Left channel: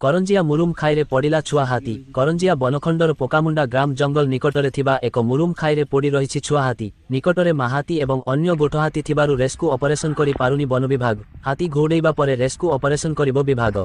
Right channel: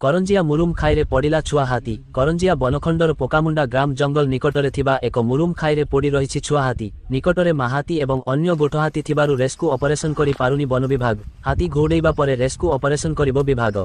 କରଞ୍ଜିଆ ମୁରୁମ ଖାଇରେ ପଡ଼ିଲା ଛୁଆ ହାତୀ। କରଞ୍ଜିଆ ବନଖଣ୍ଡର ପୋକାମୁଣ୍ଡା ଗ୍ରାମ ଜଙ୍ଗଲ ନିକଟରେ ଥିବା ଏକ ମୁରୁମ ଖାଇରେ ପଡ଼ି ରହିଛି ଛୁଆ ହାତୀ। ନିକଟରେ ମାହାତୀ ଏବଂ ଅନ୍ୟ ଗୋଠ ହାତୀ ଥିବାରୁ ରେସ୍କ୍ୟୁ ଅପରେସନ କରି ପାରୁନି ବନ ବିଭାଗ। ହାତୀ ଘଉଡ଼େଇବା ପରେ ରେସ୍କ୍ୟୁ ଅପରେସନ କରିବ ବିଭାଗ।